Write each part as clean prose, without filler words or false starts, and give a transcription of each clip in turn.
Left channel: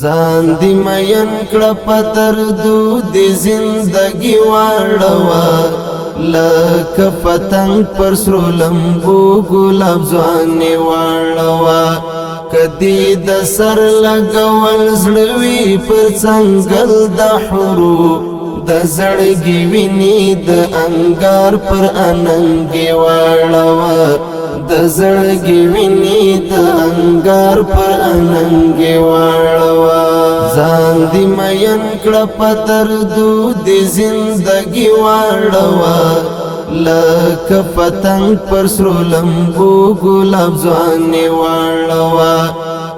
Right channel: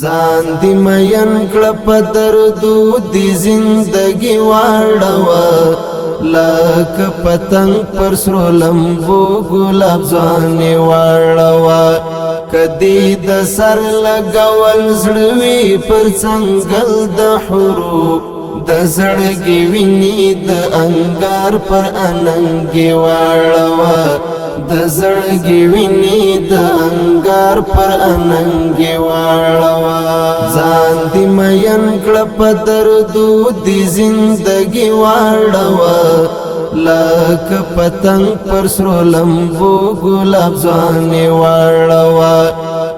ځان دی مین کړه په دردو دی زندگی واړوه لکه پتنګ پر سرو لمبو ګلاب ځواني واړوه کدی د سر لګول زړه وي پر څنګل د حروف د زړګي ویني د انګار پر اننګي واړوه د زړګي ویني د انګار پر اننګي واړوه ځان دی مین کړه په دردو دی زندگی واړوه لکه پتنګ پر سرو لمبو ګلاب ځواني واړوه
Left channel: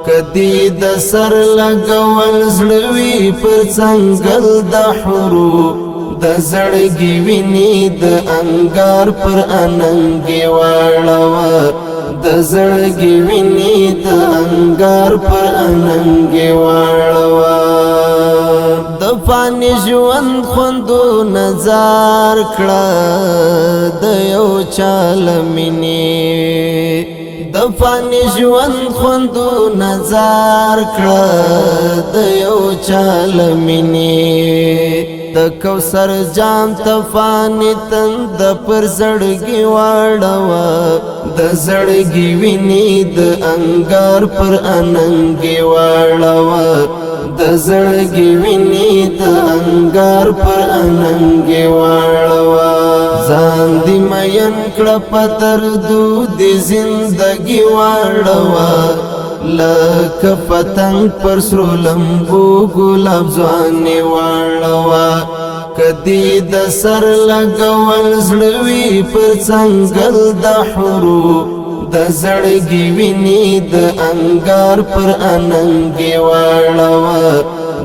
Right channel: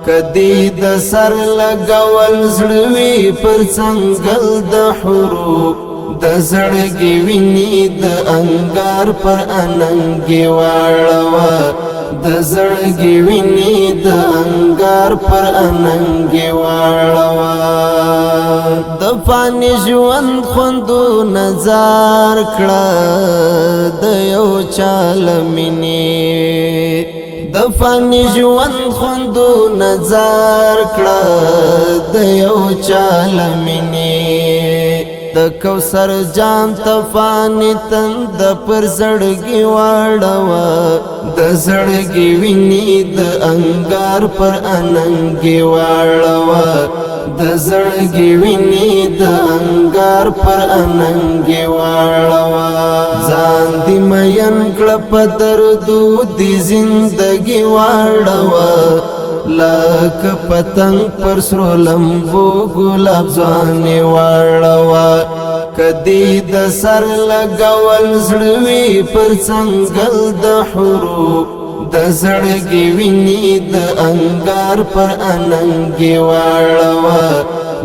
کدی د سر لګول زړه وي پر څنګل د حروف د زړګي ویني د انګار پر اننګي واړوه د زړګي ویني د انګار پر اننګي واړوه د فانی ژوند خوندو نظر کړه د یو چال مینې د فانی ژوند خوندو نظر کړه د یو چال مینې د کوثر جام تفانی تند پر زړګي واړوه د زړګي ویني د انګار پر اننګي واړوه د زړګي ویني د انګار پر اننګي واړوه ځان دی مین کړه په دردو دی زندگی واړوه لکه پتنګ پر سرو لمبو ګلاب ځواني واړوه کدی د سر لګول زړه وي پر څنګل د حروف د زړګي ویني د انګار پر اننګي واړوه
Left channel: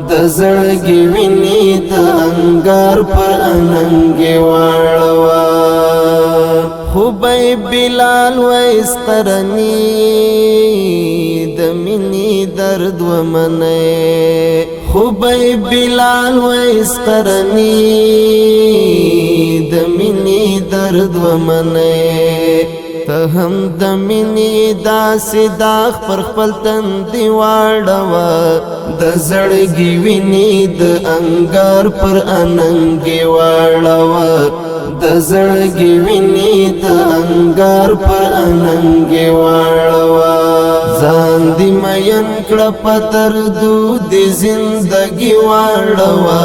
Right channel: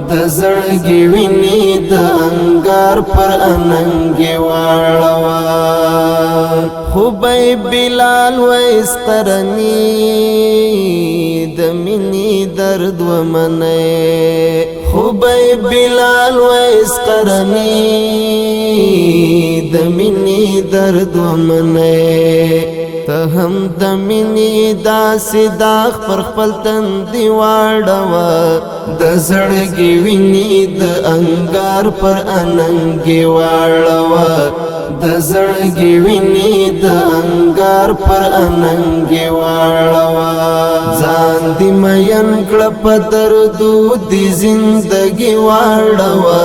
د زړګي ویني د انګار پر اننګي واړوه خوبی بلال ویس قرنی د مینی درد ومنه خوبی بلال ویس قرنی د مینی درد ومنه ته هم د مینی داسې داغ پر خپل تندي واړوه د زړګي ویني د انګار پر اننګي واړوه د زړګي ویني د انګار پر اننګي واړوه ځان دی مین کړه په دردو دی زندگی واړوه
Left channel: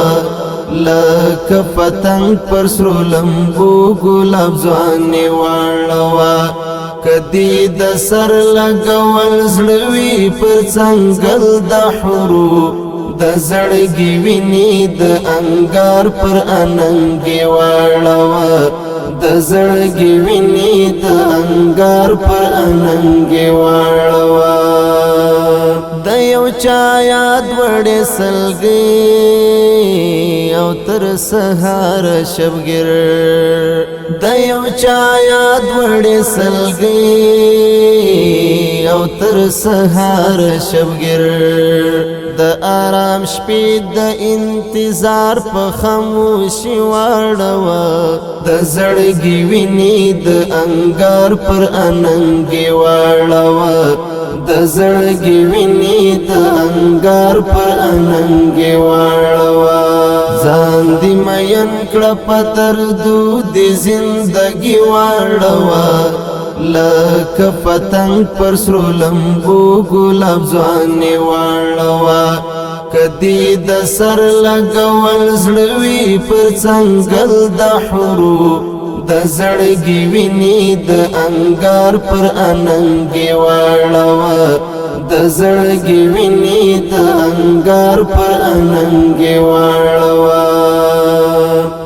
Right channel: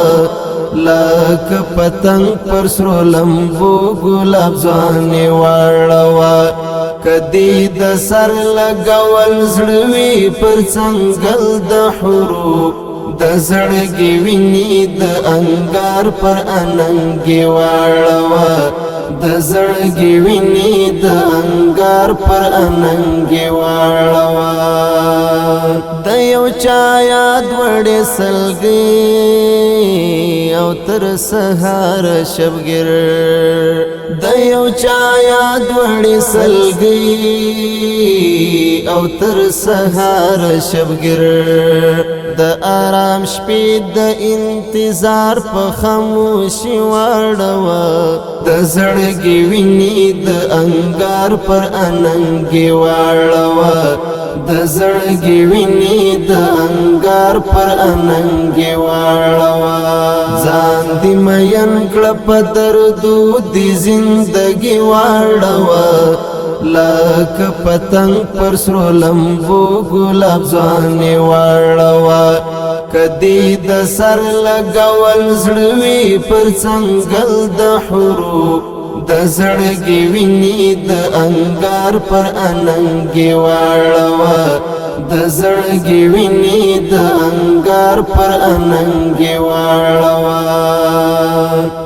لکه پتنګ پر سرو لمبو ګلاب ځواني واړوه کدی د سر لګول زړه وي پر څنګل د حروف د زړګي ویني د انګار پر اننګي واړوه د زړګي ویني د انګار پر اننګي واړوه د یو چا یاد وړې سلګي او تر سهار شبګر د یو چا یاد وړې سلګي او تر سهار شبګر د آرام شپې د انتظار په خاموشي واړوه د زړګي ویني د انګار پر اننګي واړوه د زړګي ویني د انګار پر اننګي واړوه ځان دی مین کړه په دردو دی زندگی واړوه لکه پتنګ پر سرو لمبو ګلاب ځواني واړوه کدی د سر لګول زړه وي پر څنګل د حروف د زړګي ویني د انګار پر اننګي واړوه د زړګي ویني د انګار پر اننګي واړوه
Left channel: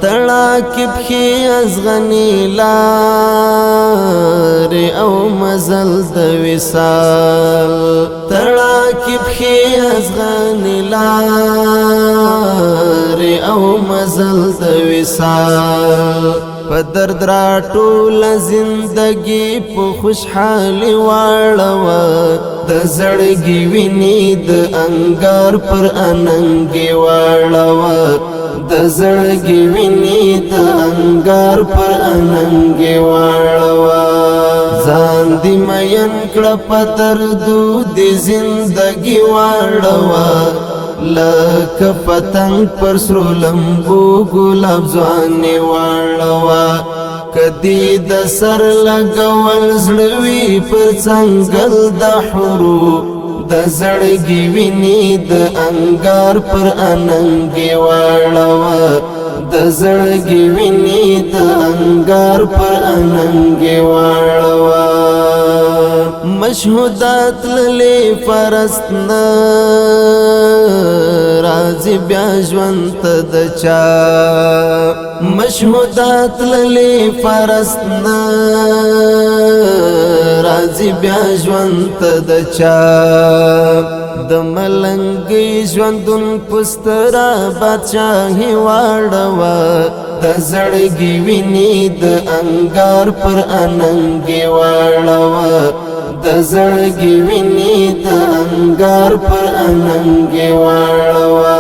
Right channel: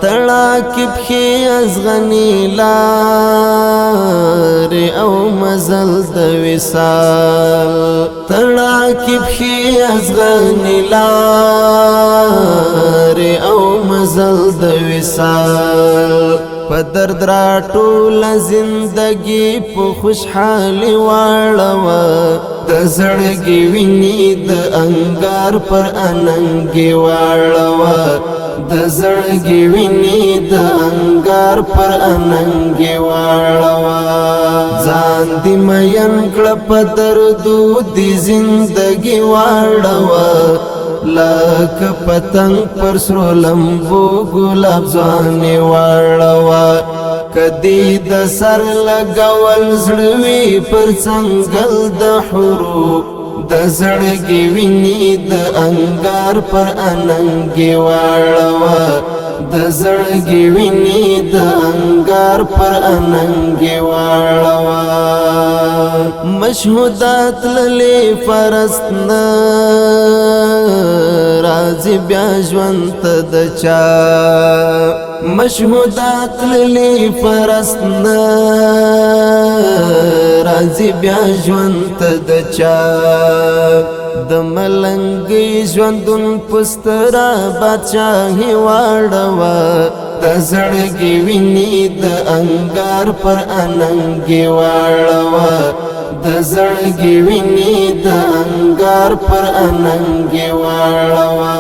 تړاکې پښې ازغني لارې او مزل د وصال تړاکې پښې ازغني لارې او مزل د وصال په درد را ټول زندگی په خوشحالي واړوه د زړګي ویني د انګار پر اننګي واړوه د زړګي ویني د انګار پر اننګي واړوا ځان دې مین کړه په دردو دې زندګي واړوا لکه پتنګ پر سرو لمبو ګلاب ځواني واړوا کدی د سر لګول زړوي پر څنګل د حروف د زړګي ویني د انګار پر اننګي واړوا د زړګي ویني د انګار پر اننګي واړوا مشهودات للی فرستنا راځي بیا ژوند د چا مشهودات للی فرستنا راځي بیا ژوند د چا د ملنګي ژوندون پسترا بادشاہي واړوا د زړګي ویني د انګار پر اننګي واړوا د زړګي ویني د انګار پر اننګي واړوا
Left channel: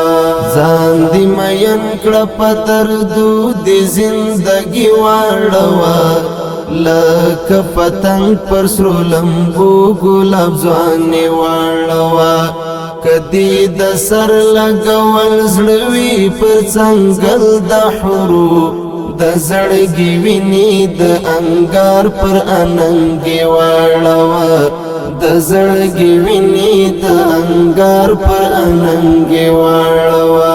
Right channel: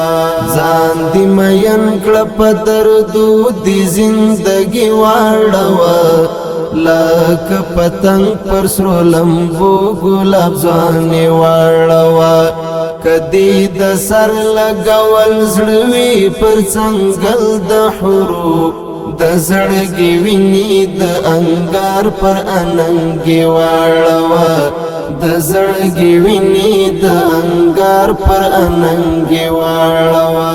ځان دې مین کړه په دردو دې زندګي واړوا لکه پتنګ پر سرو لمبو ګلاب ځواني واړوا کدی د سر لګول زړوي پر څنګل د حروف د زړګي ویني د انګار پر اننګي واړوا د زړګي ویني د انګار پر اننګي واړوا